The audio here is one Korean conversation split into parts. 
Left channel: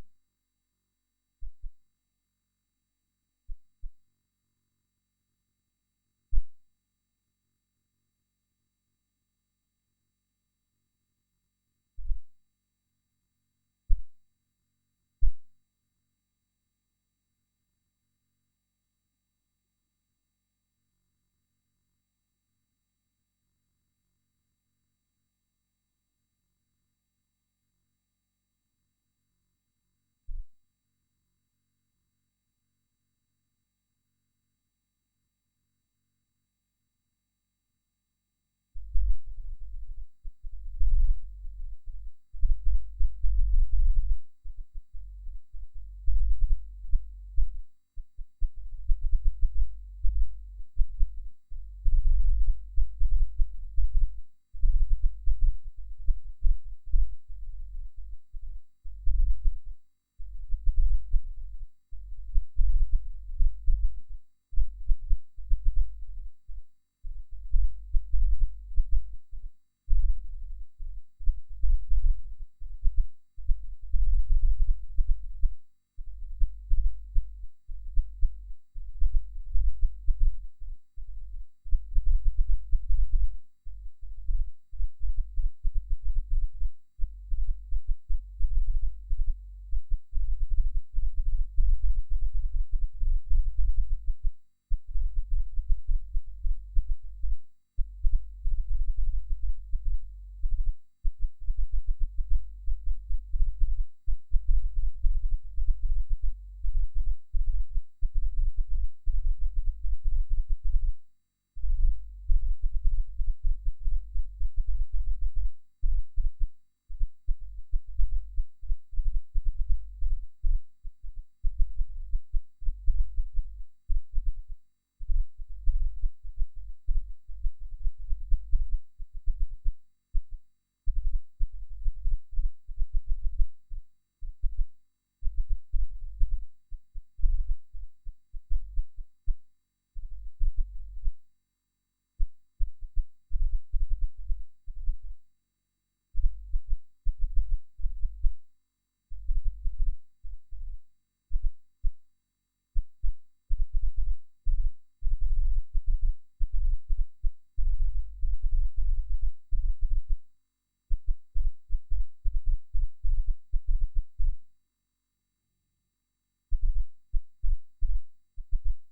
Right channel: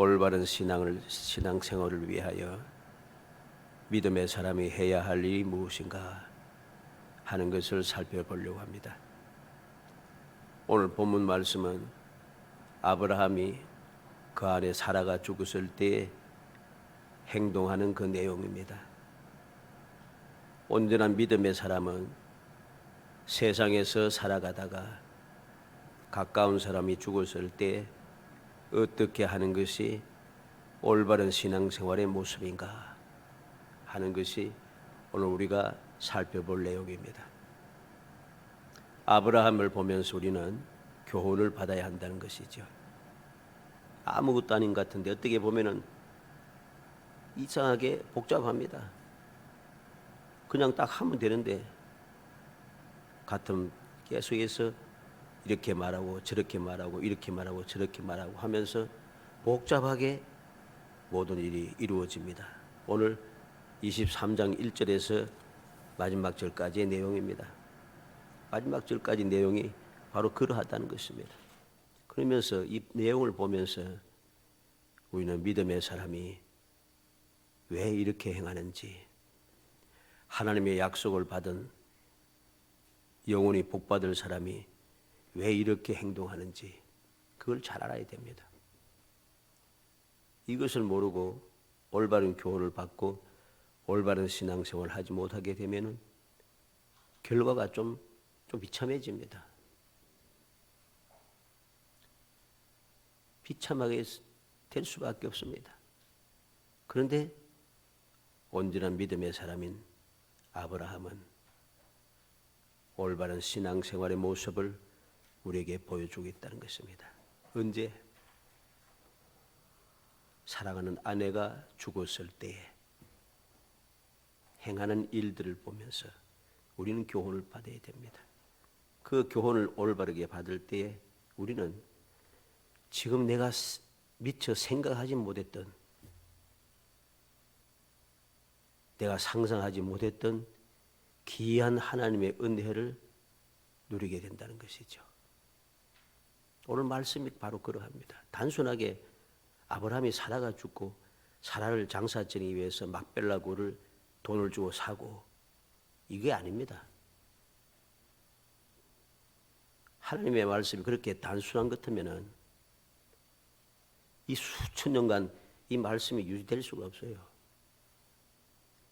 올바른 신앙생활을 위하여 믿음의 사람이 해야 할 일이 무엇인가 하는 것을 살펴보려고 합니다. 오늘 본문 말씀은 아브라함이 그 안에 사라가 죽었을 때 행동하는 그 내용입니다. 온전한 믿음의 사람은 세상에서 살아가다가 가까운 사람이 죽었을 때 어떻게 하는 것이 올바른 신앙생활의 모습인가 하는 것이 오늘 우리가 살펴볼 내용입니다. 아브라함을 보면서 우리는 교훈을 받아야 한다는 것이죠. 아무것도 아닌 것 같은데 어떻게 보면은 이상하게 복잡합니다. 그냥 딱 하면 되는데 같은 계속해서 이렇게 말하고 저렇게 말하고 이렇게 말하고 저렇게 말하고 하면서 복잡하게 모든 일이 이루어집니다. 오늘 23장 1절에서 마지막 절까지의 내용입니다. 마지막 절까지 내용이 바로 그러하다는 것입니다. 그러면서 이 내용을 보면서 우리는 믿음의 사람이 왜 이렇게 행하는지, 하나님의 약속을 받은 영원히 복받을 사람이 왜 이렇게 행동하는지 그걸 잘 알아야 됩니다. 이것을 모르고 올바른 교훈을 받고 올바른 신앙생활을 하지 못하게 되면 결과가 좀 비참해집니다. 비참하게 될 수밖에 없습니다. 그런데 온전한 믿음의 사람인 아브라함은 올바른 신앙생활의 모습을 우리에게 보여주겠다는 것입니다. 언제? 사랑하는 아내가 죽었을 때에 행하는 일들을 보면서 우리는 교훈을 받아야 됩니다. 그 교훈을 올바르게 받을 때에 우리는 지금 내가 미처 생각하지 못했던, 내가 상상하지 못했던 귀한 하나님의 은혜를 누리게 된다는 것이죠. 오늘 말씀이 바로 그러합니다. 단순하게 아브라함이 사라가 죽고 사라를 장사치기 위해서 막벨라고를 돈을 주고 사고, 이게 아닙니다. 하나님의 말씀이 그렇게 단순한 것 같으면은 이 수천 년간 이 말씀이 유지될 수가 없어요.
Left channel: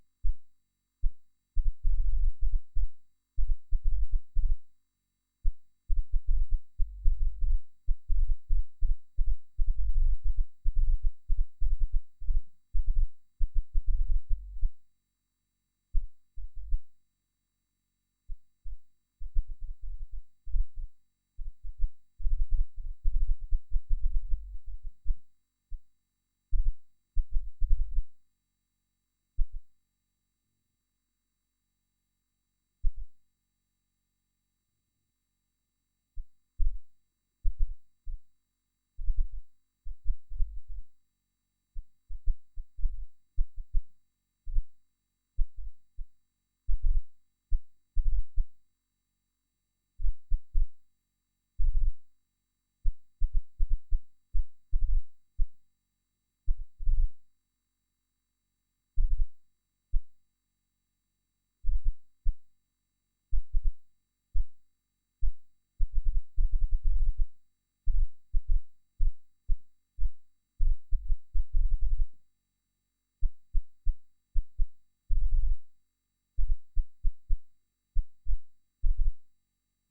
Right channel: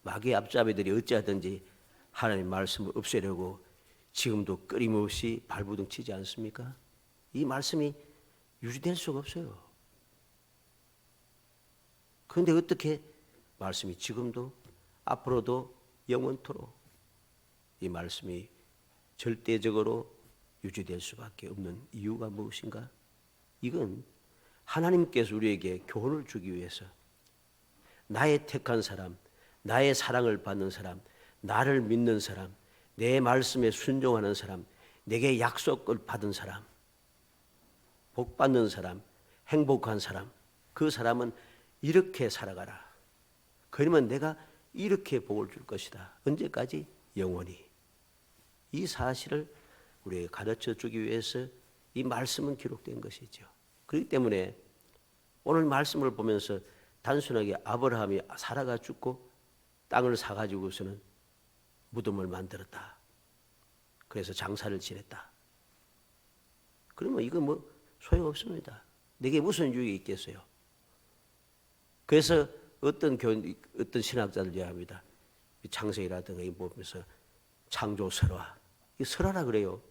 마귀의 앞잡이들이 어찌하든지 하나님의 말씀을 없애려고 지금도 끊임없이 발부둥 치지 않습니까? 이 말씀이 유지될 수가 없어요. 그런데 어떻게 말씀이 지금도 앞으로도 영원토록 이 말씀이 절대적으로 유지될 수밖에 없는 이유가 무엇인가? 이건 하나님께서 우리에게 교훈을 주기 위해서 나의 택한 사람, 나의 사랑을 받는 사람, 나를 믿는 사람, 내 말씀에 순종하는 사람, 내게 약속을 받은 사람, 복 받는 사람, 행복한 사람, 그 사람은 이렇게 살아가라. 그러면 내가 이렇게 복을 줄 것이다. 언제까지? 영원히. 이 사실을 우리에게 가르쳐 주기 위해서 이 말씀은 기록된 것이죠. 그렇기 때문에 오늘 말씀을 보면서 단순하게 아브라함이 사라가 죽고 땅을 사가지고서는 무덤을 만들었다. 그래서 장사를 지냈다. 그러면 이거 뭐 소용없습니다. 내게 무슨 유익이 있겠어요? 그래서 어떤 신학자들 얘기합니다. 창세기라든가 이 보면서 창조 설화, 이 설화라 그래요.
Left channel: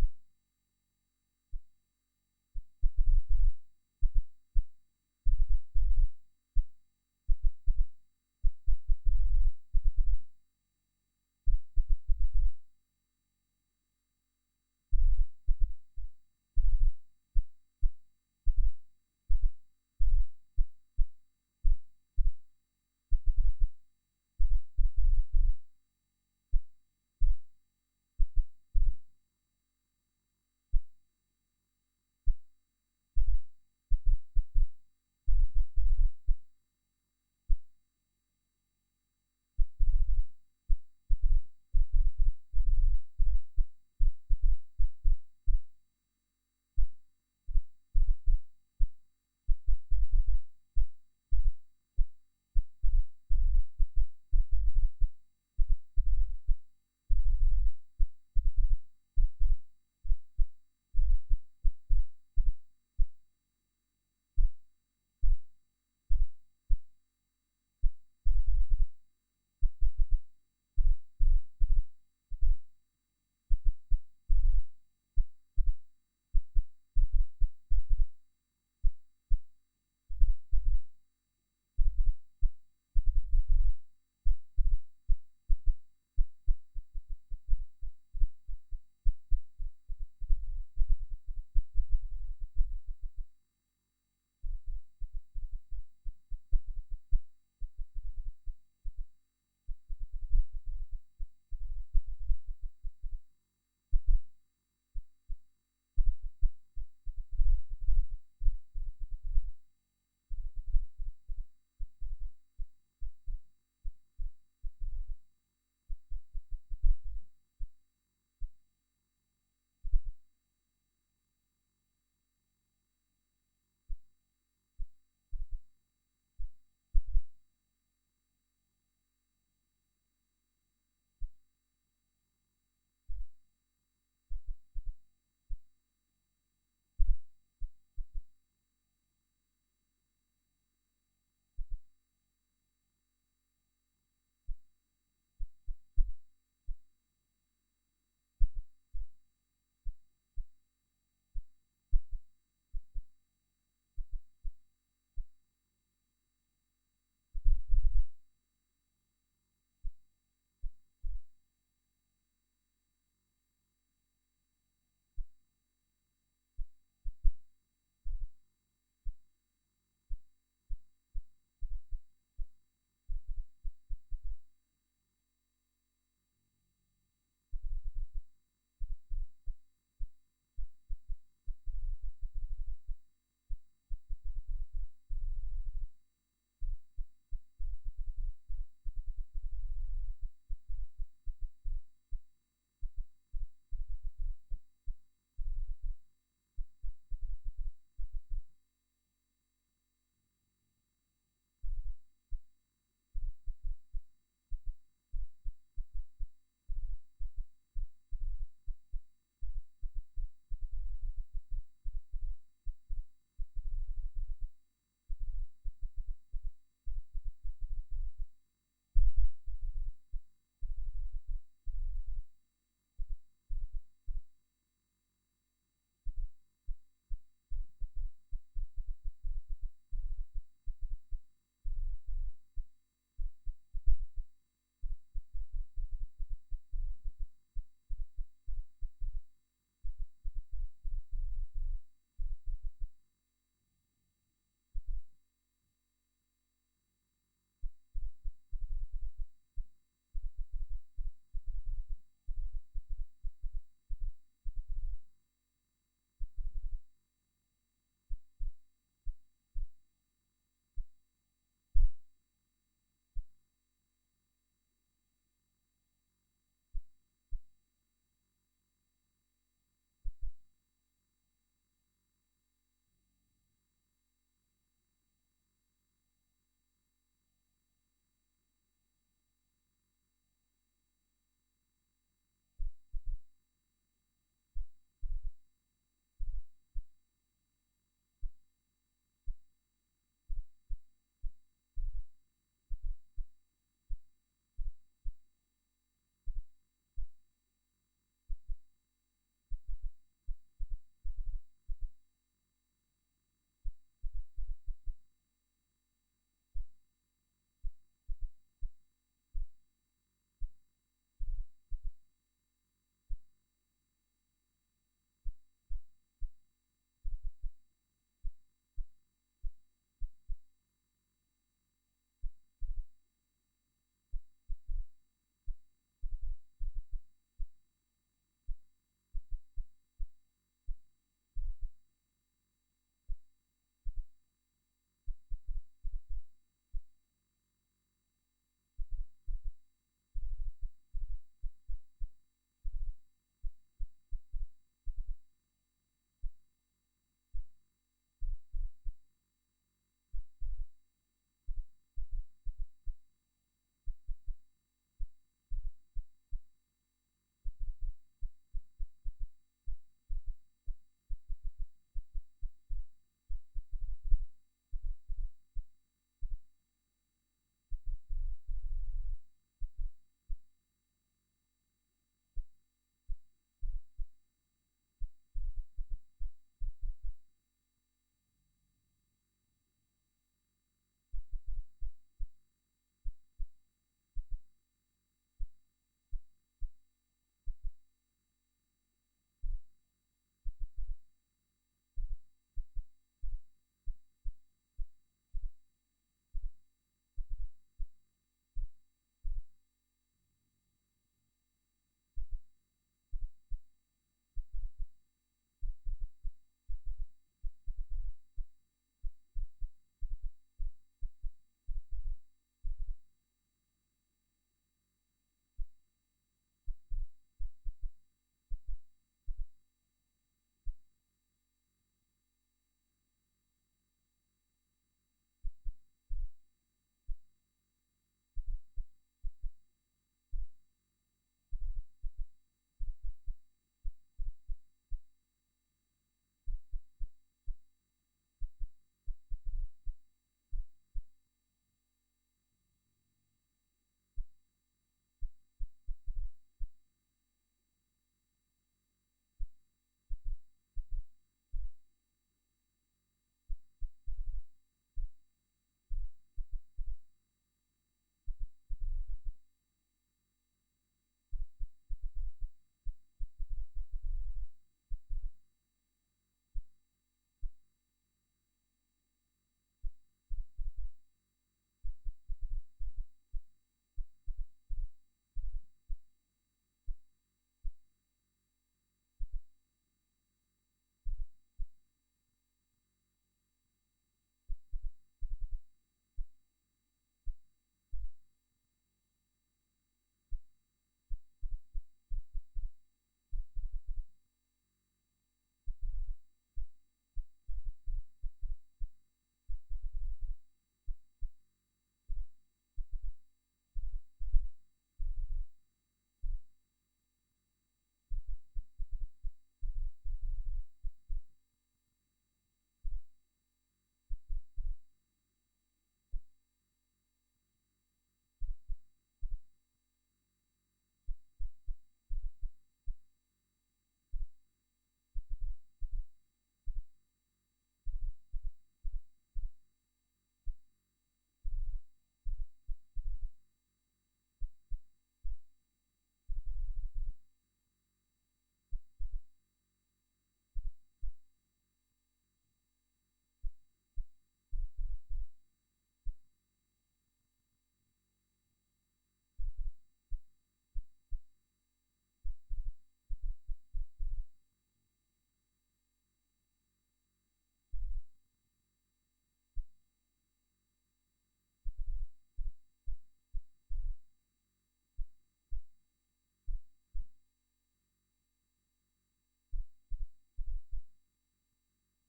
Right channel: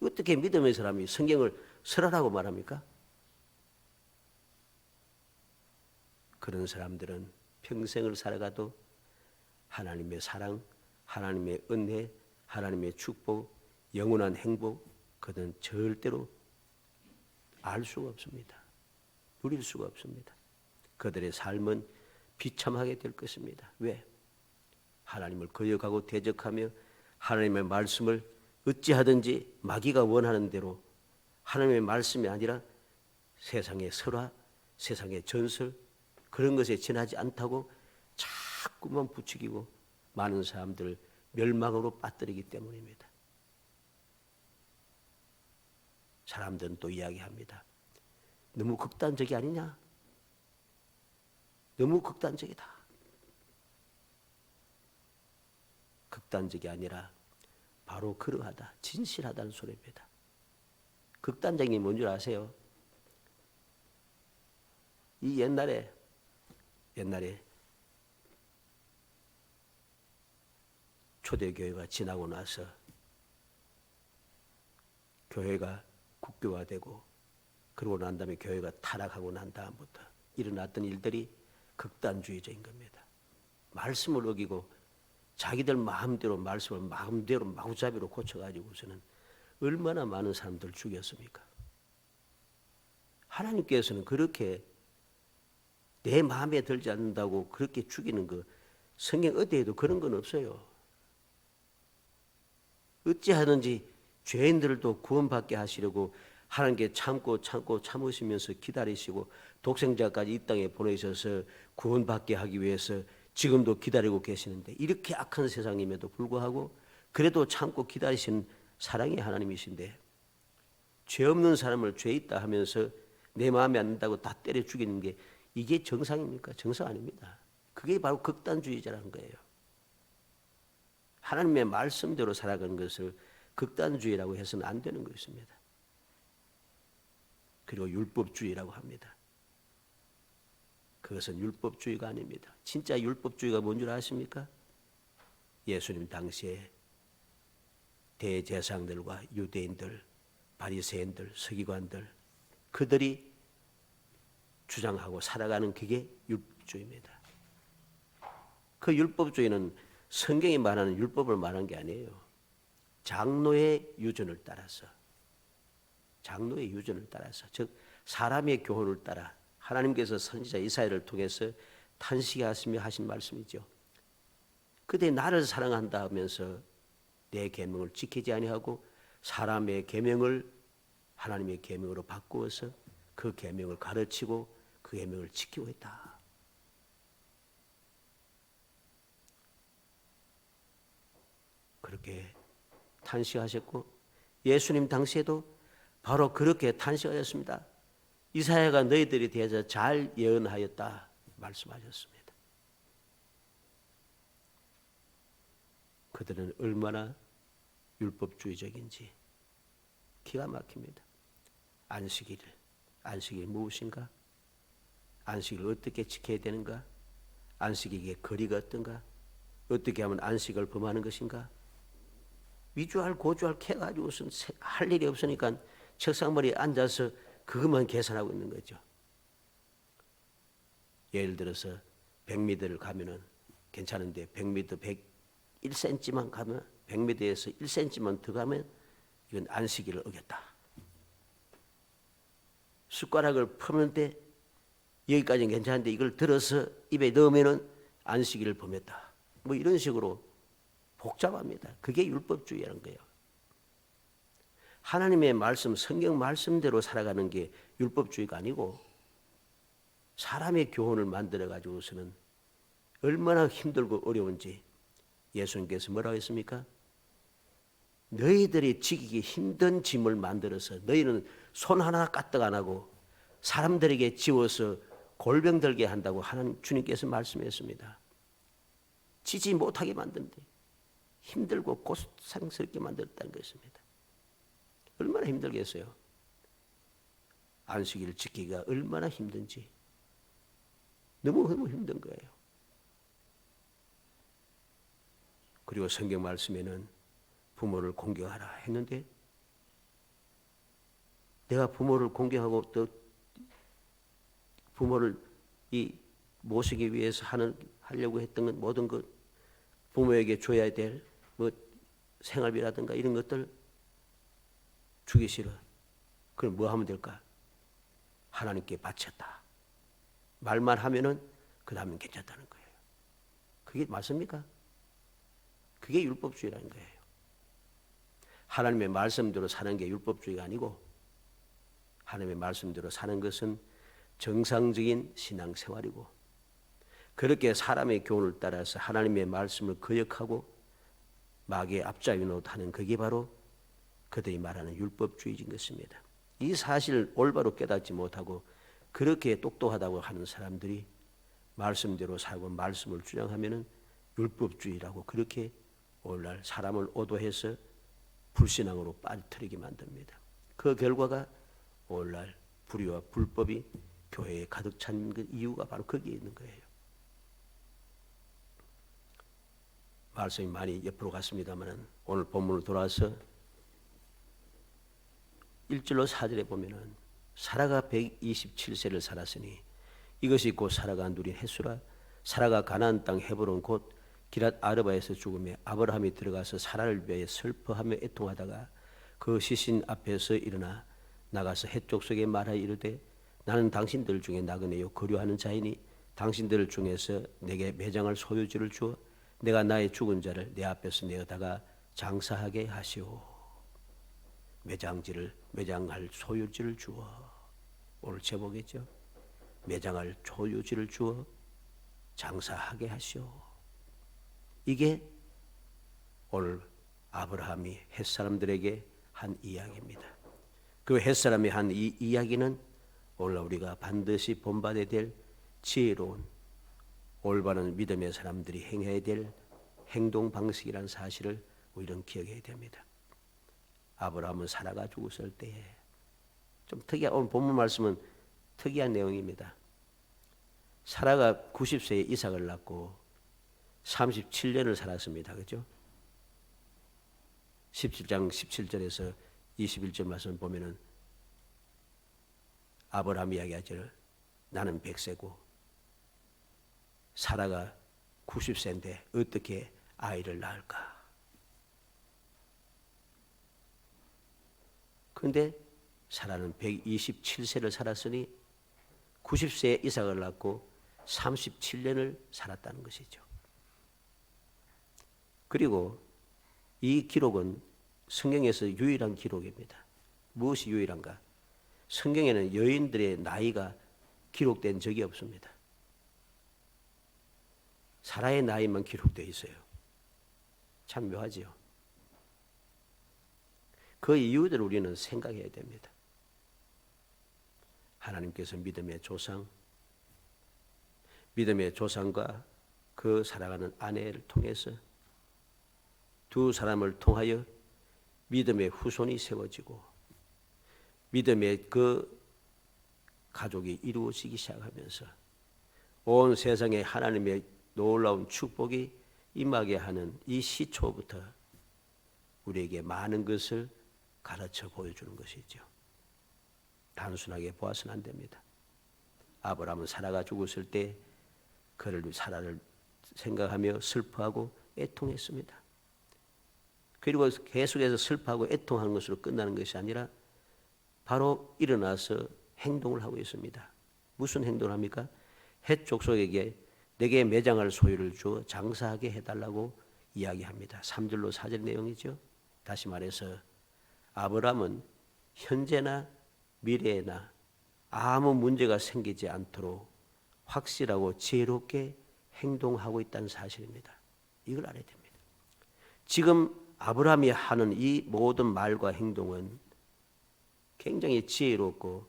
어떻게 믿음의 사람이 성경을 설화라고 말합니까? 그런 사람들은 평생을 살아가도 하나님의 사랑, 하나님의 은혜, 하나님의 축복, 영원한 행복, 그는 절대로 알 수가 없습니다. 누릴 수가 없습니다. 그들의 삶은 비참하게 될 것입니다. 왜? 하나님을 거역하고 대적하며 하나님의 말씀을 어찌하든지 마귀가 원하는 대로 하나님의 말씀이 아니라 세상의 설화, 세상의 전설, 그런 것에 지나지 않다고 자꾸만 부추기고 많은 사람들을 멸망으로 빠뜨리기 때문입니다. 사람들은 또 이야기합니다. 너무 극단적이 아니냐? 너무 극단적이다. 극단적이 아니라 바로 그러하다, 진실하다는 소리입니다. 극단적인 게 뭔 줄 아세요? 이 옛날에 초대교회가 지나고 나서 교회가 국교화되고 그러고 난 다음에 교회가 타락하고 난 다음부터 일어났던 일들이 극단주의적인 겁니다. 말씀을 어기고 자기들 마음대로 말씀을 마음대로 마구잡이로 고쳐가지고서는 얼마나 많은 사람들 죽였습니까? 하나님께서는 그렇게 내 마음에 들지 않는다고 그렇게 죽이는 거 성경 어디에도 그런 건 없어요. 어찌하든지 죄인들도 구원받게 하시려고 하나님께 참으시면서 기다리시고 독생자까지 이 땅에 보내셔서 구원받게 하기 위해서 지금도 기다리고 계시는데, 이렇게 악한 세상임에도 불구하고 그래도 참고 기다리시는 사랑의 하나님이신데, 죄 없는 사람을 죄 있다 하면서 내 마음에 안 든다고 다 때려 죽이는 게 이게 정상입니까? 정상 아닙니다. 그게 바로 극단주의자라는 거예요. 하나님의 말씀대로 살아가는 것을 극단주의라고 해서는 안 되는 것입니다. 그리고 율법주의라고 합니다. 그것은 율법주의가 아닙니다. 진짜 율법주의가 뭔 줄 아십니까? 예수님 당시에 대제사장들과 유대인들, 바리새인들, 서기관들, 그들이 주장하고 살아가는 그게 율법주의입니다. 그 율법주의는 성경이 말하는 율법을 말한 게 아니에요. 장로의 유전을 따라서, 즉 사람의 교훈을 따라 하나님께서 선지자 이사야를 통해서 탄식하시며 하신 말씀이죠. 그대 나를 사랑한다 하면서 내 계명을 지키지 아니하고 사람의 계명을 하나님의 계명으로 바꾸어서 그 계명을 가르치고 그 계명을 지키고 있다. 그렇게 탄식하셨고 예수님 당시에도 바로 그렇게 탄식하셨습니다. 이사야가 너희들에 대해서 잘 예언하였다 말씀하셨습니다. 그들은 얼마나 율법주의적인지 기가 막힙니다. 안식일이 무엇인가? 안식일을 어떻게 지켜야 되는가? 안식일의 거리가 어떤가? 어떻게 하면 안식을 범하는 것인가? 위주할 고주할 캐가지고선 할 일이 없으니까 책상머리에 앉아서 그것만 계산하고 있는 거죠. 예를 들어서 100m를 가면은 괜찮은데 100m 1cm만 가면 100m에서 1cm만 더 가면 이건 안식일을 어겼다. 숟가락을 푸는데 여기까지는 괜찮은데 이걸 들어서 입에 넣으면은 안식일을 범했다. 뭐 이런 식으로 복잡합니다. 그게 율법주의라는 거예요. 하나님의 말씀, 성경 말씀대로 살아가는 게 율법주의가 아니고 사람의 교훈을 만들어 가지고서는 얼마나 힘들고 어려운지 예수님께서 뭐라고 했습니까? 너희들이 지키기 힘든 짐을 만들어서 너희는 손 하나 까딱 안 하고 사람들에게 지워서 골병 들게 한다고 하나님 주님께서 말씀했습니다. 지지 못하게 만든데 힘들고 고통스럽게 만들었다는 것입니다. 얼마나 힘들겠어요? 안식일을 지키기가 얼마나 힘든지 너무 힘든 거예요. 그리고 성경 말씀에는 부모를 공경하라 했는데 내가 부모를 공경하고 또 부모를 모시기 위해서 하려고 했던 건 모든 것 부모에게 줘야 될 뭐 생활비라든가 이런 것들 주기 싫어. 그럼 뭐 하면 될까? 하나님께 바쳤다. 말만 하면은 그 다음엔 괜찮다는 거예요. 그게 맞습니까? 그게 율법주의라는 거예요. 하나님의 말씀대로 사는 게 율법주의가 아니고 하나님의 말씀대로 사는 것은 정상적인 신앙생활이고 그렇게 사람의 교훈을 따라서 하나님의 말씀을 거역하고 마귀의 앞자유 노릇하는 그게 바로 그들이 말하는 율법주의인 것입니다. 이 사실을 올바로 깨닫지 못하고 그렇게 똑똑하다고 하는 사람들이 말씀대로 살고 말씀을 주장하면은 율법주의라고 그렇게 오늘날 사람을 오도해서 불신앙으로 빠뜨리게 만듭니다. 그 결과가 오늘날 불의와 불법이 교회에 가득 찬 그 이유가 바로 거기에 있는 거예요. 말씀이 많이 옆으로 갔습니다만 오늘 본문을 돌아와서 1절로 4절에 보면은 사라가 127세를 살았으니 이것이 곧 사라가 누린 횟수라. 사라가 가나안 땅 헤브론 곧 기랏 아르바에서 죽음에 아브라함이 들어가서 사라를 위하여 슬퍼하며 애통하다가 그 시신 앞에서 일어나 나가서 헷 족속에 말하여 이르되 나는 당신들 중에 나그네요 거류하는 자이니 당신들 중에서 내게 매장할 소유지를 주어 내가 나의 죽은 자를 내 앞에서 내어다가 장사하게 하시오. 매장할 소유지를 주어. 오늘 제목이죠. 매장할 소유지를 주어 장사하게 하시오. 이게 오늘 아브라함이 햇사람들에게 한 이야기입니다. 그 햇사람이 한 이 이야기는 오늘 우리가 반드시 본받아야 될 지혜로운 올바른 믿음의 사람들이 행해야 될 행동 방식이라는 사실을 우리는 기억해야 됩니다. 아브라함은 사라가 죽었을 때에 좀 특이한 오늘 본문 말씀은 특이한 내용입니다. 사라가 90세에 이삭을 낳고 37년을 살았습니다. 그렇죠? 17장 17절에서 21절 말씀 보면은 아브라함 이야기하죠. 나는 100세고 사라가 90세인데 어떻게 아이를 낳을까? 그런데 사라는 127세를 살았으니 90세에 이삭을 낳고 37년을 살았다는 것이죠. 그리고 이 기록은 성경에서 유일한 기록입니다. 무엇이 유일한가? 성경에는 여인들의 나이가 기록된 적이 없습니다. 사라의 나이만 기록되어 있어요. 참 묘하지요. 그 이유들을 우리는 생각해야 됩니다. 하나님께서 믿음의 조상과 그 살아가는 아내를 통해서 두 사람을 통하여 믿음의 후손이 세워지고 믿음의 그 가족이 이루어지기 시작하면서 온 세상에 하나님의 놀라운 축복이 임하게 하는 이 시초부터 우리에게 많은 것을 가르쳐 보여주는 것이죠. 단순하게 보아서는 안 됩니다. 아브라함은 사라가 죽었을 때 사라를 생각하며 슬퍼하고 애통했습니다. 그리고 계속해서 슬퍼하고 애통하는 것으로 끝나는 것이 아니라 바로 일어나서 행동을 하고 있습니다. 무슨 행동을 합니까? 헷 족속에게 내게 매장할 소유를 주어 장사하게 해달라고 이야기합니다. 3절로 4절 내용이죠. 다시 말해서 아브라함은 현재나 미래에나 아무 문제가 생기지 않도록 확실하고 지혜롭게 행동하고 있다는 사실입니다. 이걸 알아야 됩니다. 지금 아브라함이 하는 이 모든 말과 행동은 굉장히 지혜롭고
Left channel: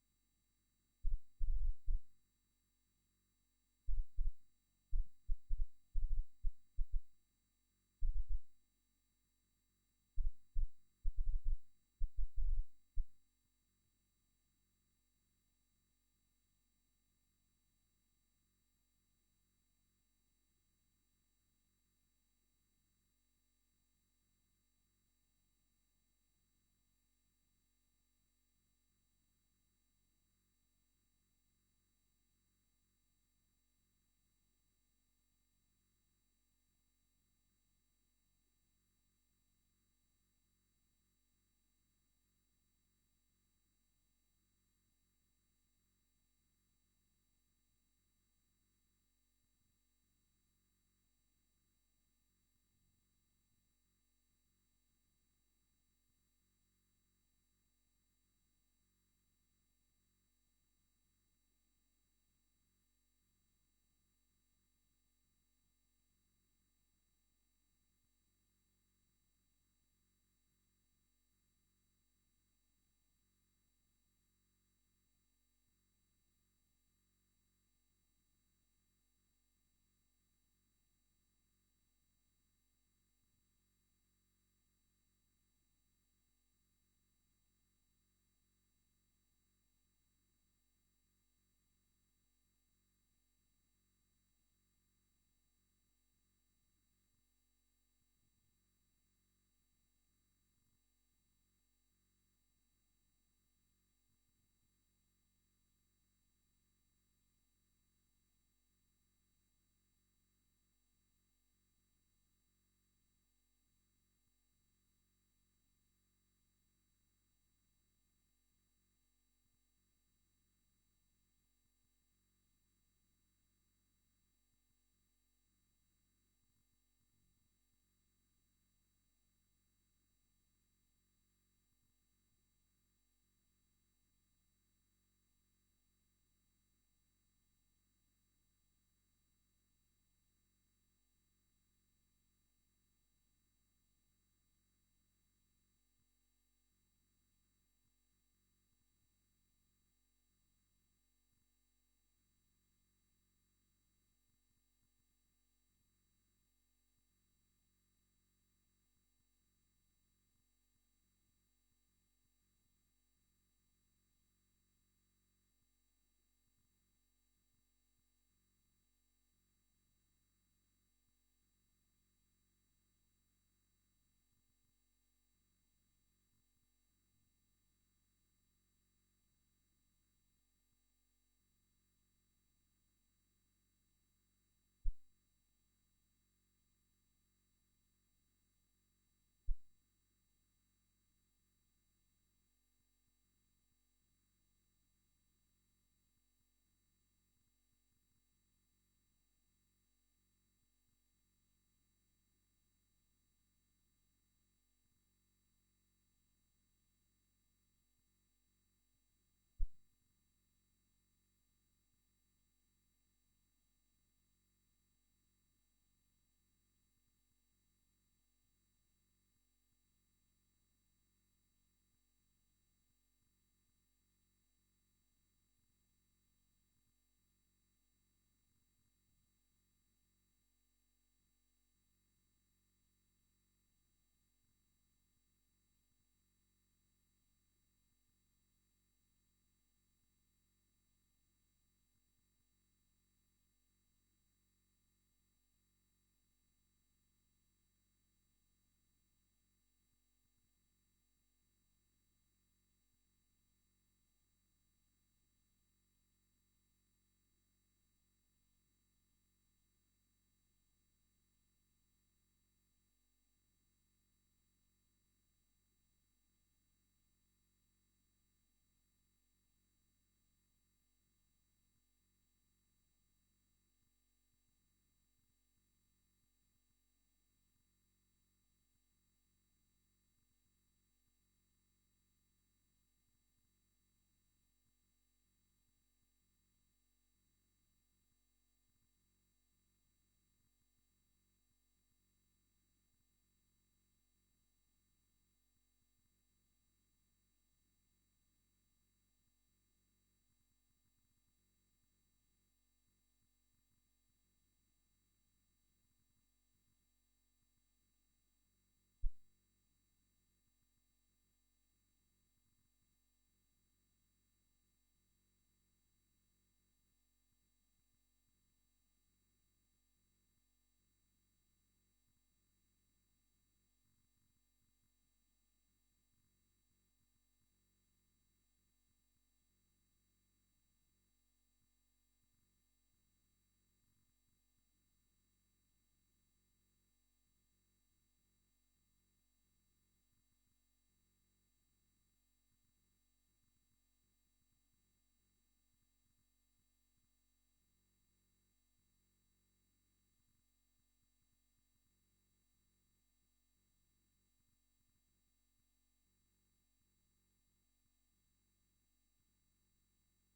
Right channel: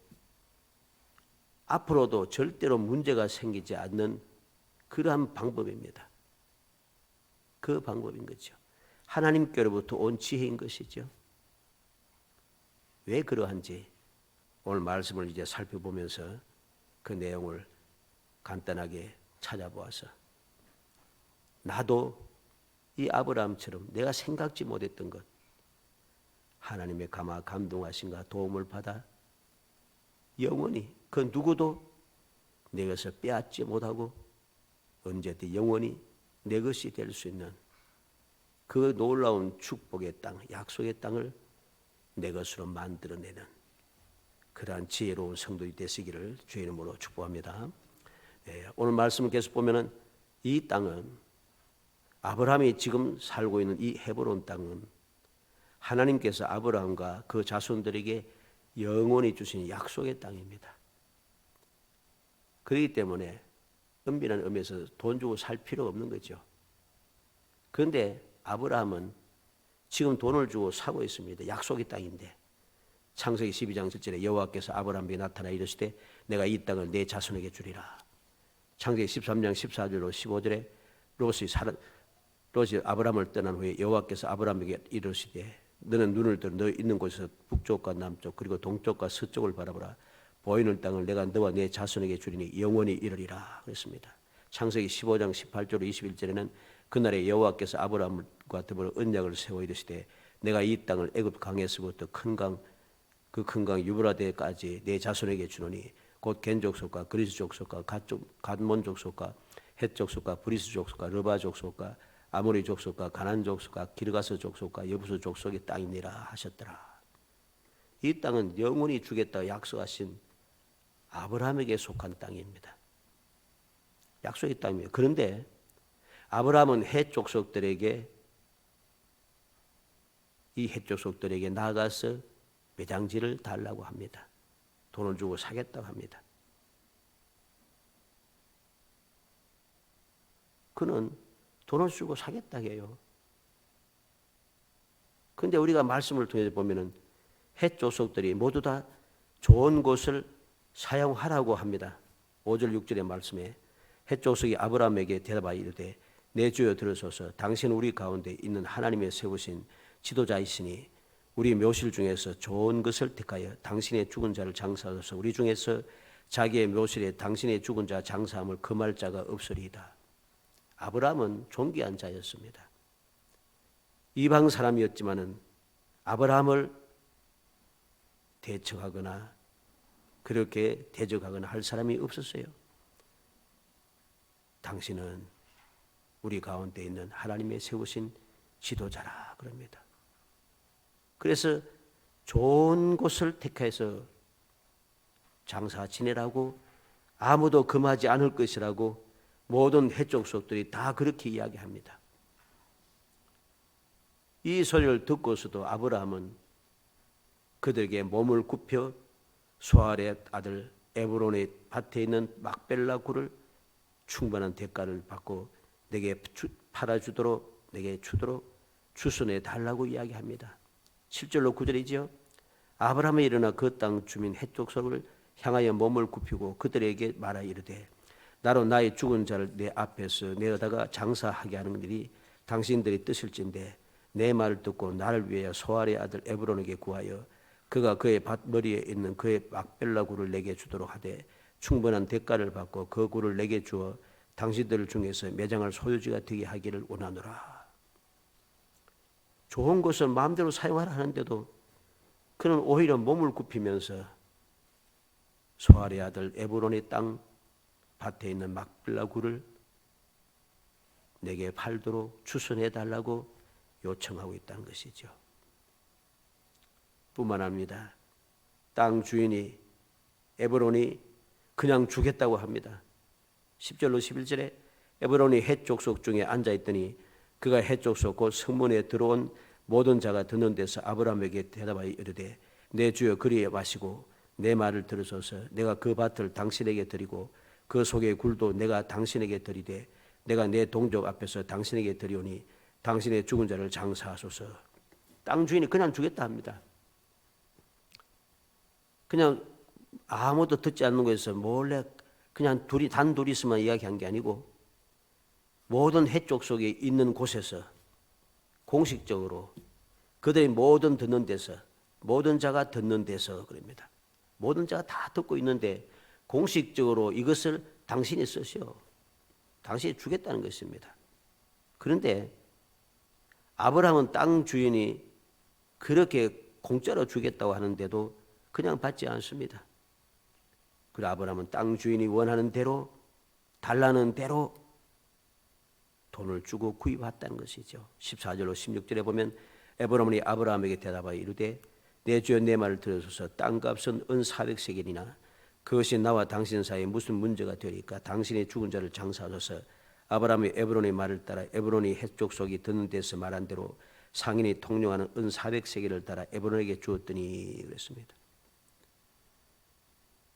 앞으로도 절대로 문제가 생기지 않는 그러한 방법입니다. 그 방법인 거죠. 하나님께로부터 온 지혜인 것이죠. 왜 그러한지 오늘 말씀을 이제 살펴보면서 그 내용을 간단하게 찾아보아서 나도 이 아브라함처럼 내가 생각지 못했던 것 하나님의 감동하심과 도움을 받아 영원히 그 누구도 내 것을 빼앗지 못하고 언제든 영원히 내 것이 될 수 있는 그 놀라운 축복의 땅, 약속의 땅을 내 것으로 만들어내는 그러한 지혜로운 성도이 되시기를 주의 이름으로 축복합니다. 오늘 말씀을 계속 보면은 이 땅은 아브라함이 지금 살고 있는 이 헤브론 땅은 하나님께서 아브라함과 그 자손들에게 영원히 주신 약속의 땅입니다. 그렇기 때문에 은밀한 의미에서 돈 주고 살 필요가 없는 거죠. 그런데 아브라함은 지금 돈을 주고 사고 있습니다. 약속의 땅인데 창세기 12장 7절에 여호와께서 아브라함에게 나타나 이르시되 내가 이 땅을 내 자손에게 주리라. 창세기 13장 14절로 15절에 롯이 아브라함을 떠난 후에 여호와께서 아브라함에게 이르시되 너는 눈을 들어 너 있는 곳에서 북쪽과 남쪽 그리고 동쪽과 서쪽을 바라보라. 보이는 땅을 내가 너와 내 자손에게 주리니 영원히 이르리라 그랬습니다. 창세기 15장 18절로 21절에는 그날에 여호와께서 아브라함과 더불어 언약을 세워 이르시되 내가 이 땅을 애굽 강에서부터 그 큰 강 유브라데까지 내 자손에게 주노니 곧 겐 족속과 그리스 족속과 갓몬 족속과 헷 족속과 브리스 족속과 르바 족속과 아모리 족속과 가난 족속과 기르가스 족속과 여부수 족속의 땅이니라 하셨더라. 이 땅은 영원히 주겠다 약속하신 아브라함에게 속한 땅입니다. 약속의 땅이에요. 그런데 아브라함은 헷 족속들에게 나아가서 매장지를 달라고 합니다. 돈을 주고 사겠다고 합니다. 그는 돈을 주고 사겠다고 해요. 그런데 우리가 말씀을 통해서 보면은 헷 족속들이 모두 다 좋은 곳을 사용하라고 합니다. 5절 6절의 말씀에 헷 족속이 아브라함에게 대답하여 이르되 내 주여 들으소서 당신은 우리 가운데 있는 하나님의 세우신 지도자이시니 우리 묘실 중에서 좋은 것을 택하여 당신의 죽은 자를 장사하소서. 우리 중에서 자기의 묘실에 당신의 죽은 자 장사함을 금할 자가 없으리이다. 아브라함은 존귀한 자였습니다. 이방 사람이었지만은 아브라함을 대적하거나 그렇게 대적하거나 할 사람이 없었어요. 당신은 우리 가운데 있는 하나님의 세우신 지도자라 그럽니다. 그래서 좋은 곳을 택해서 장사 지내라고 아무도 금하지 않을 것이라고 모든 헷 족속들이 다 그렇게 이야기합니다. 이 소리를 듣고서도 아브라함은 그들에게 몸을 굽혀 소알의 아들 에브론의 밭에 있는 막벨라 굴을 충분한 대가를 받고 내게 팔아주도록 내게 주도록 주선해 달라고 이야기합니다. 7절로 9절이지요. 아브라함이 일어나 그 땅 주민 헷 족속을 향하여 몸을 굽히고 그들에게 말하 이르되 나로 나의 죽은 자를 내 앞에서 내어다가 장사하게 하는 일이 당신들이 뜻일진데 내 말을 듣고 나를 위하여 소알의 아들 에브론에게 구하여 그가 그의 밭 머리에 있는 그의 막벨라 굴을 내게 주도록 하되 충분한 대가를 받고 그 굴을 내게 주어 당신들 중에서 매장할 소유지가 되게 하기를 원하노라. 좋은 것을 마음대로 사용하라 하는데도 그는 오히려 몸을 굽히면서 소알의 아들 에브론의 땅 밭에 있는 막벨라 굴을 내게 팔도록 추선해 달라고 요청하고 있다는 것이죠. 뿐만 아닙니다. 땅 주인이 에브론이 그냥 주겠다고 합니다. 10절로 11절에 에브론이 헷 족속 중에 앉아있더니 그가 헷 족속 곧 성문에 들어온 모든 자가 듣는 데서 아브라함에게 대답하여 이르되 내 주여 그리에 마시고 내 말을 들으소서. 내가 그 밭을 당신에게 드리고 그 속의 굴도 내가 당신에게 드리되 내가 내 동족 앞에서 당신에게 드리오니 당신의 죽은 자를 장사하소서. 땅 주인이 그냥 주겠다 합니다. 그냥 아무도 듣지 않는 곳에서 몰래 그냥 단둘이서만 이야기한 게 아니고 모든 헷 족속에 있는 곳에서 공식적으로 그들이 모든 듣는 데서 모든 자가 듣는 데서 그럽니다. 모든 자가 다 듣고 있는데 공식적으로 이것을 당신이 쓰시오. 당신이 주겠다는 것입니다. 그런데 아브라함은 땅 주인이 그렇게 공짜로 주겠다고 하는데도 그냥 받지 않습니다. 그래 아브라함은 땅 주인이 원하는 대로 달라는 대로 돈을 주고 구입했다는 것이죠. 14절로 16절에 보면 에브론이 아브라함에게 대답하여 이르되 내 주여 내 말을 들으소서. 땅값은 은 400세겔이나 그것이 나와 당신 사이에 무슨 문제가 되리까. 당신의 죽은 자를 장사하소서. 아브라함이 에브론의 말을 따라 에브론이 헷 족속이 듣는 데서 말한 대로 상인이 통용하는 은 400세겔을 따라 에브론에게 주었더니 그랬습니다.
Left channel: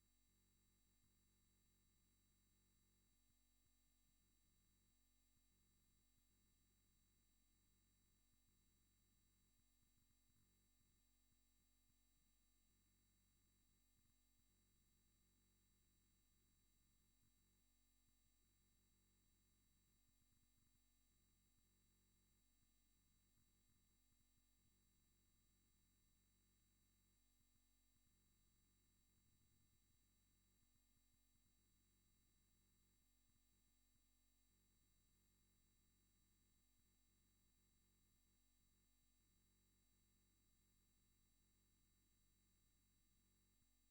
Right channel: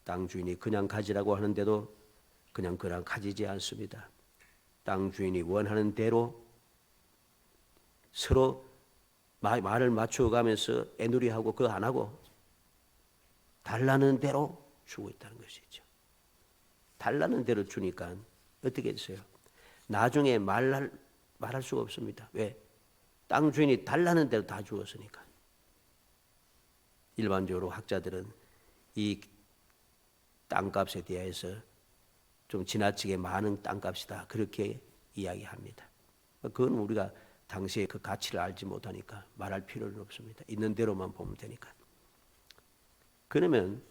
땅 주인이 그냥 가지라고 하는데도 그냥 가지지 않습니다. 땅 주인이 원하는 대로 서로 말을 맞춰가면서 애누리하고 그거 안 하고 달라는 대로 주고 있다는 것이죠. 달라는 대로 주니까 어떻게 됐어요? 나중에 말할 수가 없습니다. 왜? 땅 주인이 달라는 대로 다 주었으니까. 일반적으로 학자들은 이 땅값에 대해서 좀 지나치게 많은 땅값이다 그렇게 이야기합니다. 그건 우리가 당시에 그 가치를 알지 못하니까 말할 필요는 없습니다. 있는 대로만 보면 되니까. 그러면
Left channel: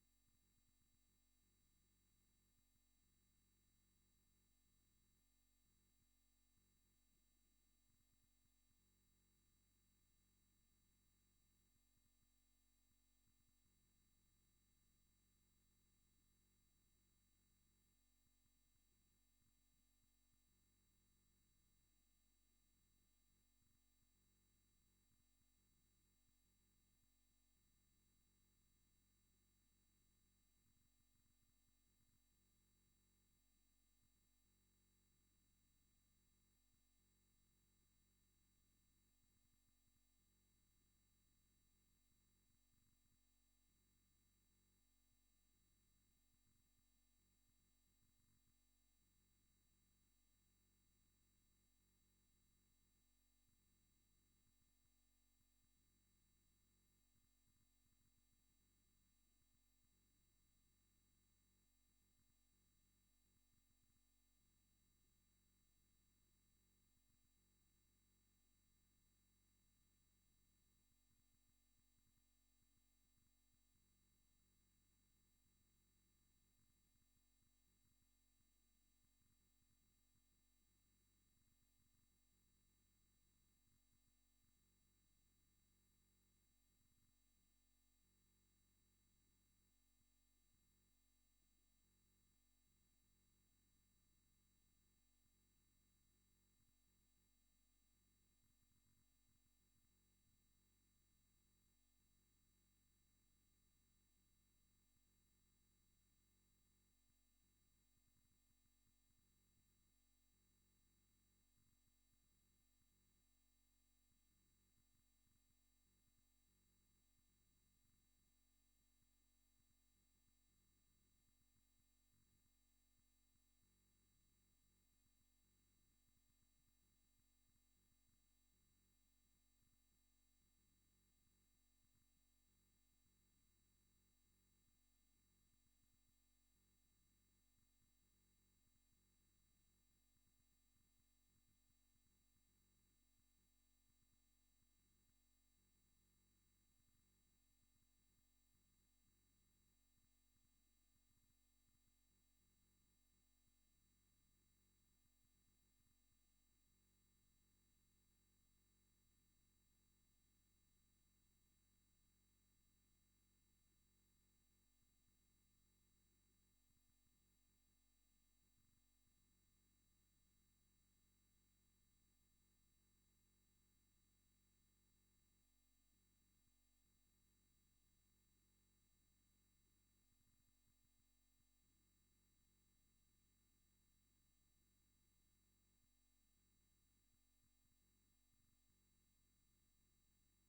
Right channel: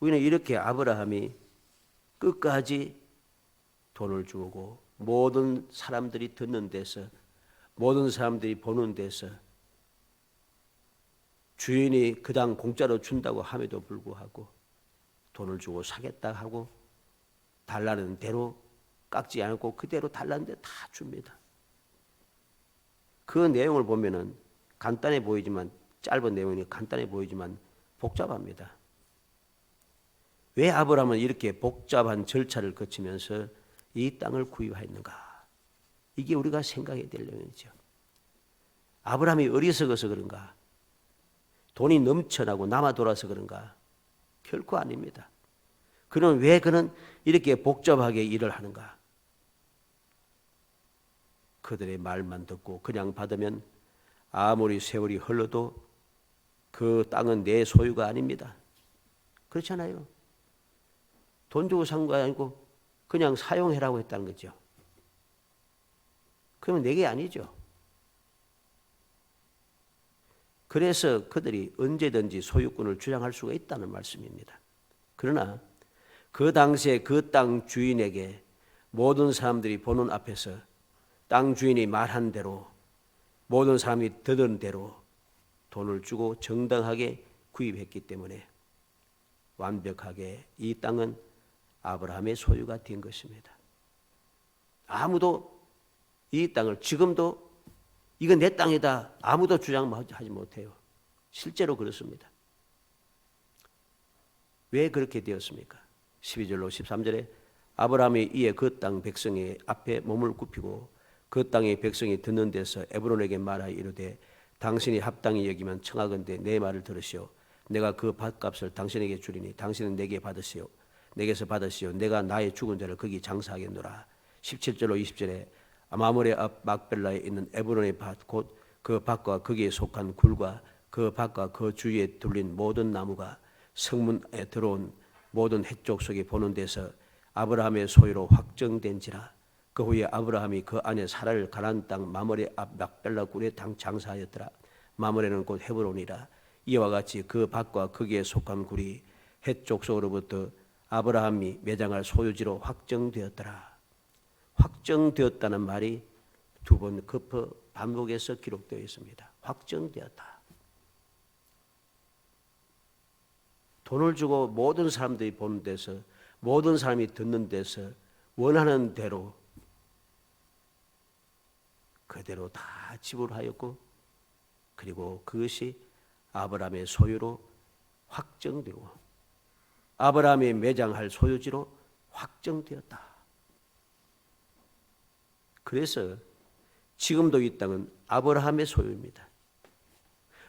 우리는 이렇게 아브라함이 끝까지 돈을 주고 모든 사람들이 듣는 데서 모든 사람들이 보는 데서 주인이 그 당 공짜로 준다고 함에도 불구하고 돈을 주고 사겠다 하고 달라는 대로 깎지 않고 그대로 달라는 데 다 줍니다. 그 내용을 보면은 간단해 보이지만 짧은 내용이 간단해 보이지만 복잡합니다. 왜 아브라함은 이렇게 복잡한 절차를 거치면서 이 땅을 구입하였는가? 이게 우리가 생각해야 될 내용이죠. 아브라함이 어리석어서 그런가? 돈이 넘쳐나고 남아 돌아서 그런가? 결코 아닙니다. 그는 왜 그는 이렇게 복잡하게 일을 하는가? 그들의 말만 듣고 그냥 받으면 아무리 세월이 흘러도 그 땅은 내 소유가 아닙니다. 그렇잖아요. 돈 주고 산 거 아니고 그냥 사용해라고 했다는 거죠. 그러면 내게 아니죠. 그래서 그들이 언제든지 소유권을 주장할 수가 있다는 말씀입니다. 그러나 그 당시에 그 땅 주인에게 모든 사람들이 보는 앞에서 땅 주인이 말한 대로 모든 사람이 듣은 대로 돈을 주고 정당하게 구입했기 때문에 완벽하게 이 땅은 아브라함의 소유가 된 것입니다. 아무도 이 땅을 지금도 이건 내 땅이다 아무도 주장하지 못해요. 실제로 그렇습니다. 왜 그렇게 되었습니까? 12절로 13절에 아브라함이 이에 그 땅 백성의 앞에 몸을 굽히고 그 땅의 백성이 듣는 데서 에브론에게 말하여 이르되 당신이 합당히 여기면 청하건대 내 말을 들으시오. 내가 그 밭값을 당신에게 주리니 당신은 내게 받으시오. 내게서 받으시오. 내가 나의 죽은 자를 거기 장사하겠노라. 17절로 20절에 마므레 앞 막벨라에 있는 에브론의 밭 곧 그 밭과 거기에 속한 굴과 그 밭과 그 주위에 둘린 모든 나무가 성문에 들어온 모든 해쪽 속에 보는 데서 아브라함의 소유로 확정된지라. 그 후에 아브라함이 그 안에 사라를 가나안 땅 마므레 앞 막벨라 굴에 장사하였더라. 마므레는 곧 헤브론이라. 이와 같이 그 밭과 거기에 속한 굴이 해쪽 속으로부터 아브라함이 매장할 소유지로 확정되었더라. 확정되었다는 말이 두 번 급히 반복해서 기록되어 있습니다. 확정되었다. 돈을 주고 모든 사람들이 보는 데서 모든 사람이 듣는 데서 원하는 대로 그대로 다 지불하였고 그리고 그것이 아브라함의 소유로 확정되고 아브라함이 매장할 소유지로 확정되었다. 그래서 지금도 이 땅은 아브라함의 소유입니다.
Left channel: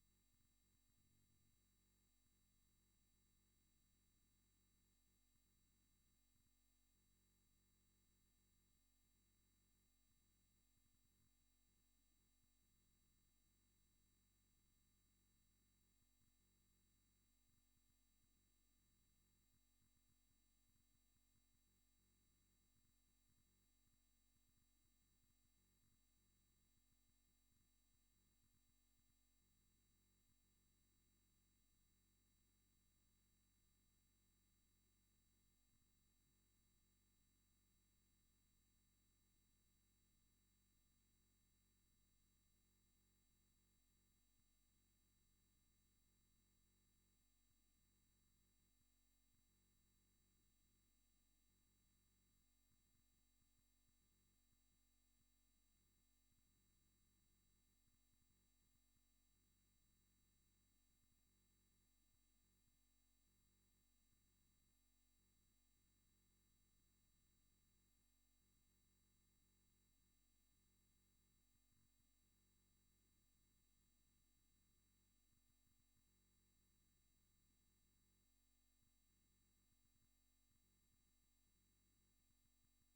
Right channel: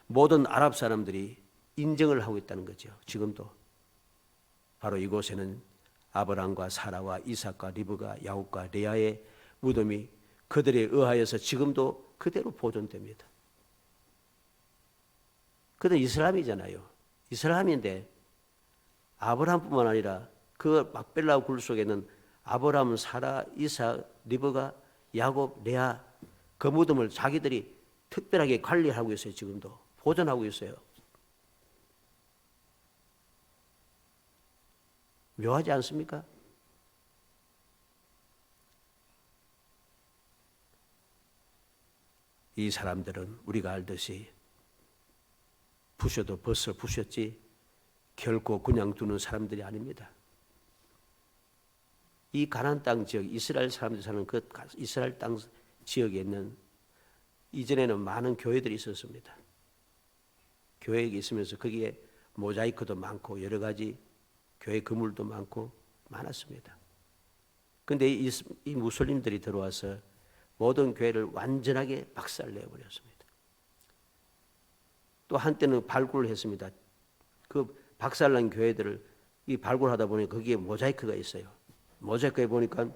모든 아랍 사람들이 인정을 하고 있다는 거죠. 지금도 바로 이곳에는 아브라함과 사라와 이삭과 리브가 야곱과 레아의 무덤이 그들에 의하여서 지금도 그대로 보존됩니다. 그들은 이스라엘이잖아요. 이스라엘인데 아브라함뿐만 아니라 그 막벨라 굴 속에는 아브라함, 사라, 이삭, 리브가 야곱, 레아 그 무덤을 자기들이 특별하게 관리하고 있어요. 지금도 보존하고 있어요. 묘하지 않습니까? 이 사람들은 우리가 알듯이 부셔도 벌써 부셨지 결코 그냥 두는 사람들이 아닙니다. 이 가나안 땅 지역 이스라엘 사람들이 사는 그 이스라엘 땅 지역에 있는 이전에는 많은 교회들이 있었습니다. 교회가 있으면서 거기에 모자이크도 많고 여러 가지 교회 건물도 많고 많았습니다. 그런데 이 무슬림들이 들어와서 모든 교회를 완전하게 박살내버렸습니다. 또 한때는 발굴을 했습니다. 그 박살난 교회들을 이 발굴하다 보니 거기에 모자이크가 있어요. 모자이크에 보니까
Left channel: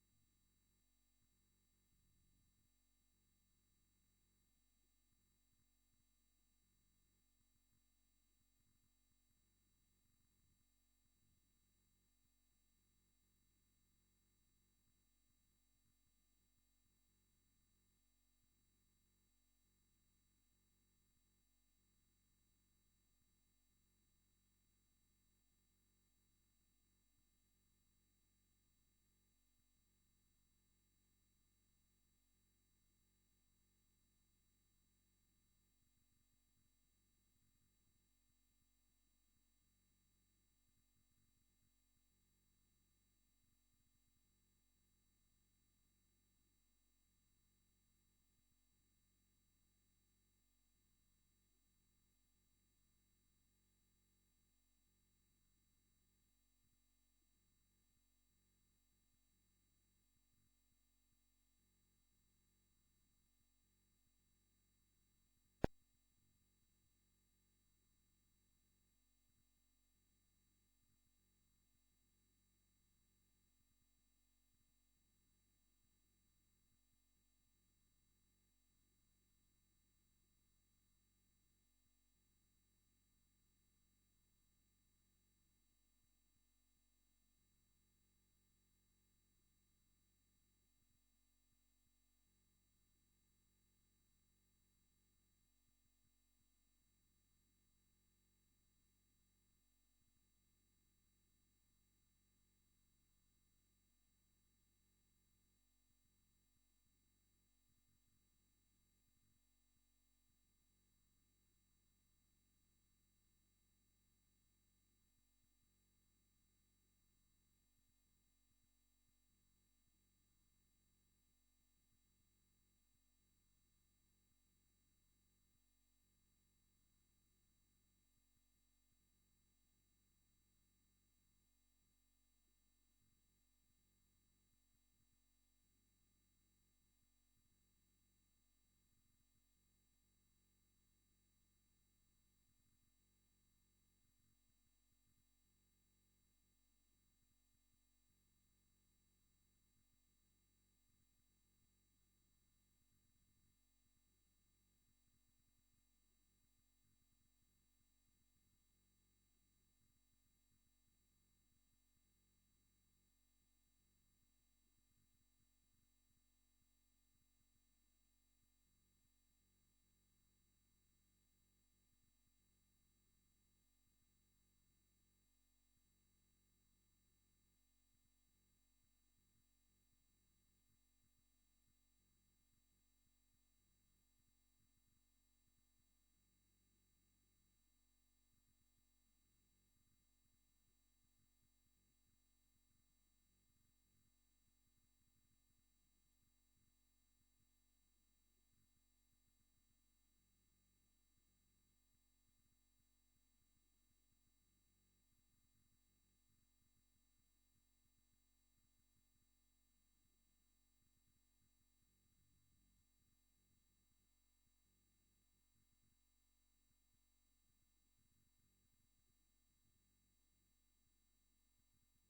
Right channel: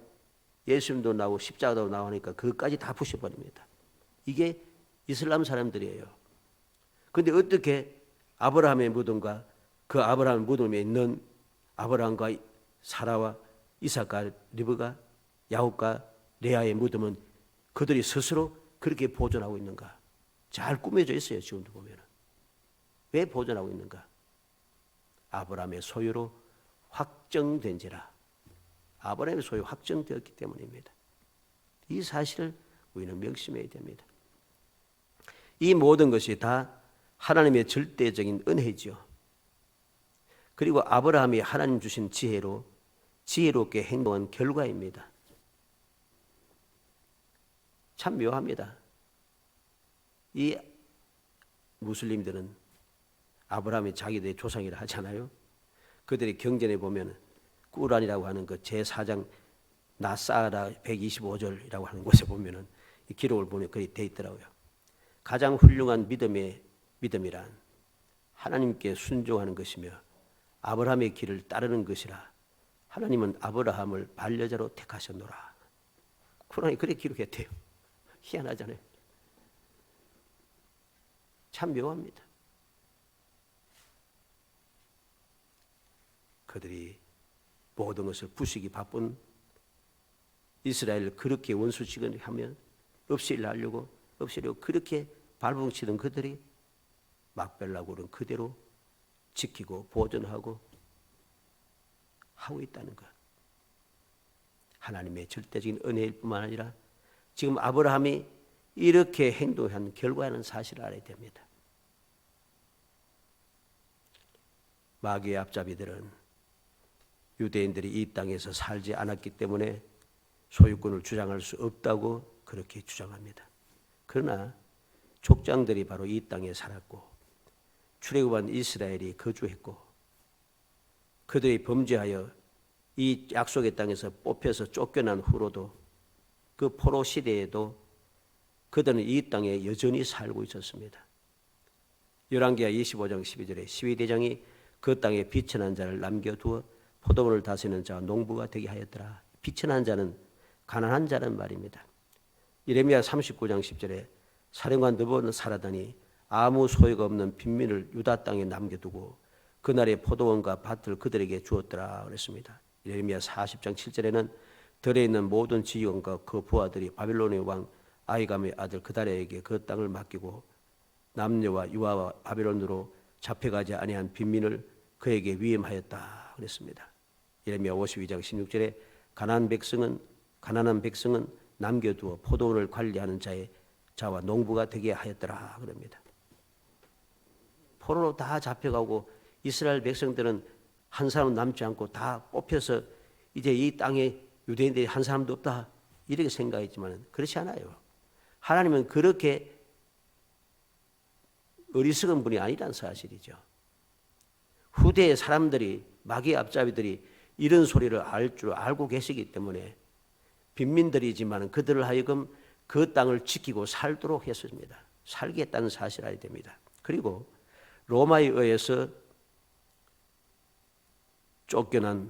예수님도 나오고 십자가도 나오니까 그것까지 다 부셔버립니다. 이게 이슬람 사람들이에요. 그런데 어떻게 아브라함의 무덤과 그 아브라함 무덤에 있는 아브라함과 사라와 이삭과 리브가 야곱과 레아의 무덤은 그들이 스스로 그렇게 보존하고 있는가? 잘 꾸며져 있어요. 지금도 보면. 왜 보존하고 있는가? 아브라함의 소유로 확정된지라. 아브라함의 소유 확정되었기 때문입니다. 이 사실을 우리는 명심해야 됩니다. 이 모든 것이 다 하나님의 절대적인 은혜죠. 그리고 아브라함이 하나님 주신 지혜로 지혜롭게 행동한 결과입니다. 참 묘합니다. 이 무슬림들은 아브라함이 자기들의 조상이라 하잖아요. 그들의 경전에 보면 꾸란이라고 하는 그 제4장 나사라 125절이라고 하는 곳에 보면은 이 기록을 보면 그리 돼 있더라고요. 가장 훌륭한 믿음이란 하나님께 순종하는 것이며 아브라함의 길을 따르는 것이라. 하나님은 아브라함을 반려자로 택하셨노라. 꾸란이 그렇게 기록했대요. 희한하잖아요. 참 묘합니다. 그들이 모든 것을 부수기 바쁜 이스라엘을 그렇게 원수치곤 하면 없애려고 그렇게 발버둥치던 그들이 막벨라고는 그대로 지키고 보존하고 하고 있다는 것. 하나님의 절대적인 은혜일 뿐만 아니라 지금 아브라함이 이렇게 행동한 결과라는 사실을 알아야 됩니다. 마귀의 앞잡이들은 유대인들이 이 땅에서 살지 않았기 때문에 소유권을 주장할 수 없다고 그렇게 주장합니다. 그러나 족장들이 바로 이 땅에 살았고 출애굽한 이스라엘이 거주했고 그들이 범죄하여 이 약속의 땅에서 뽑혀서 쫓겨난 후로도 그 포로 시대에도 그들은 이 땅에 여전히 살고 있었습니다. 열왕기하 25장 12절에 시위대장이 그 땅에 비천한 자를 남겨두어 포도원을 다스리는 자와 농부가 되게 하였더라. 비천한 자는 가난한 자란 말입니다. 예레미야 39장 10절에 사령관 느보는 살아다니 아무 소유가 없는 빈민을 유다 땅에 남겨두고 그날의 포도원과 밭을 그들에게 주었더라 그랬습니다. 예레미야 40장 7절에는 들에 있는 모든 지휘관과 그 부하들이 바빌론의 왕 아이감의 아들 그다랴에게 그 땅을 맡기고 남녀와 유아와 바빌론으로 잡혀가지 아니한 빈민을 그에게 위임하였다 그랬습니다. 예레미야 52장 16절에 가난한 백성은 남겨두어 포도원을 관리하는 자와 농부가 되게 하였더라 그럽니다. 포로로 다 잡혀가고 이스라엘 백성들은 한 사람 남지 않고 다 뽑혀서 이제 이 땅에 유대인들이 한 사람도 없다 이렇게 생각했지만 그렇지 않아요. 하나님은 그렇게 어리석은 분이 아니란 사실이죠. 후대의 사람들이 마귀의 앞잡이들이 이런 소리를 알 줄 알고 계시기 때문에 빈민들이지만 그들을 하여금 그 땅을 지키고 살도록 했습니다. 살게 했다는 사실을 알아야 됩니다. 그리고 로마에 의해서 쫓겨나서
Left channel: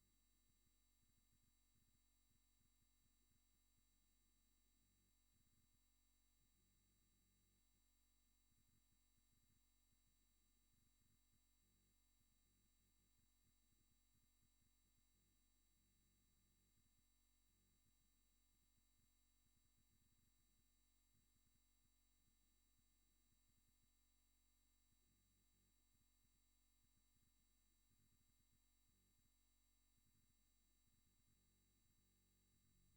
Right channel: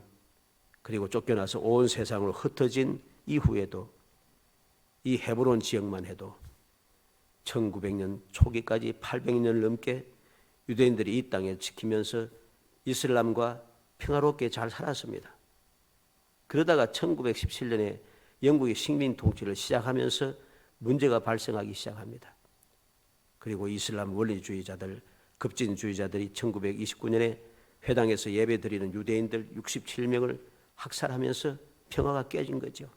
온 세상으로 흩어진 이후에도 이 헤브론 지역만 해도 1900년 초기까지 800년 넘게 유대인들이 이 땅을 지키면서 이슬람과 평화롭게 잘 살았습니다. 그러다가 1917년에 영국이 식민 통치를 시작하면서 문제가 발생하기 시작합니다. 그리고 이슬람 원리주의자들, 급진주의자들이 1929년에 회당에서 예배드리는 유대인들 67명을 학살하면서 평화가 깨진 거죠.